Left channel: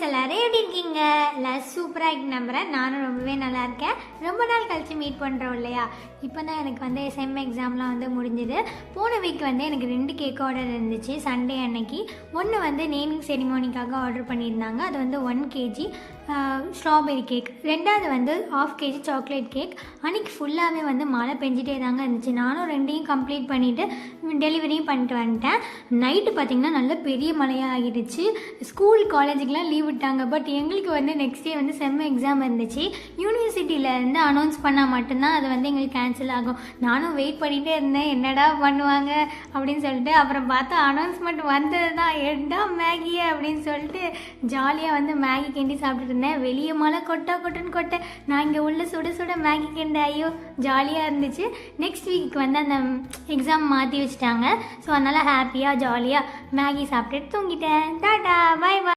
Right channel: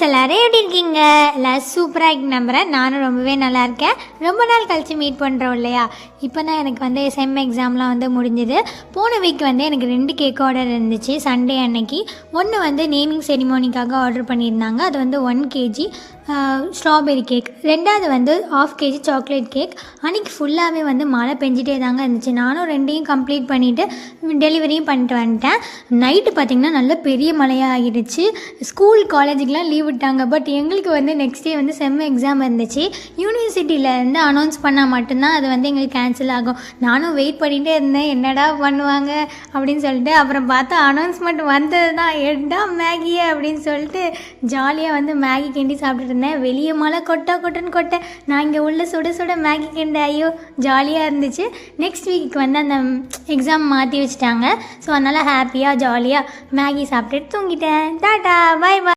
Friends எல்லோரும் எப்படி இருக்கீங்க? எல்லோரும் சூப்பராக இருக்கு நம்புகிறேன். நானும் ரொம்பவே நல்லா இருக்கேன். ரொம்ப நாள் கழித்து மீட் பண்ணுறோம் இல்லையா? இப்போ தான் எனக்கு செம் எக்ஸாம்லாம் முடிஞ்சுது. போன வீக் எனக்கு 2 கேக் ஆர்டர் இருந்துச்சு. சண்டே அன்னைக்கு ஒன்று நேமிங் செரிமோனிக்காக ஆர்டர் பண்ணியிருந்தாங்க. அது 1 kg ஸ்ட்ராபெரி கேக், ரெண்டாவது 1/2 kg சாக்லேட் கேக். அன்றைக்கி ஃபுல்லாகவே மழை பெஞ்சிட்டே தாங்க இருந்துச்சு. நானும் 2ஐயும் கம்ப்ளீட் பண்ணிவிட்டு டெலிவரியும் பண்ணிட்டு வந்துட்டேன். நைட்டு பார்த்திங்கன்னா நல்ல பெரிய மழையாக ஆகிடுச்சு. ஸ்கூல் காலேஜுக்கெலாம் லீவ் விட்டாங்க. பட் எங்களுக்கு நெக்ஸ்ட் டே செம் எக்ஸாம் இருந்துச்சு. யூனிவர்சிட்டியிலேருந்து அனௌன்ஸ் பண்ணால் மட்டும்தான் அது எங்களுக்கு கேன்சல் ஆகும். நானும் வெயிட் பண்ணிகிட்டே இருந்தேன், என்னடா பண்ணுவாங்க அப்படின்னு சொல்லிட்டு. அப்புறம் பார்த்தா அனௌன்ஸ்மெண்ட் வந்தது தான், எட்டா மேகியே அப்படின்னு சொல்லிட்டு ஜாலியாக மேகி கிண்டி சாப்பிட்டுட்டு இருந்தேன். வெளியே மழை கொட்டுன்னு கொட்ட, நான் இங்கே உள்ள சுட சுட மேகி கிண்ட, ஐயோ ஜாலியாக இருந்துச்சு. நெக்ஸ்ட் வீக்கு அந்த எக்ஸாம் மாற்றி வச்சுட்டாங்க. ஸோ அதனால் ஹாப்பியாக ஜாலியாக மேகி சாப்பிட்டுட்டு தூங்கிட்டேன். டாட்டா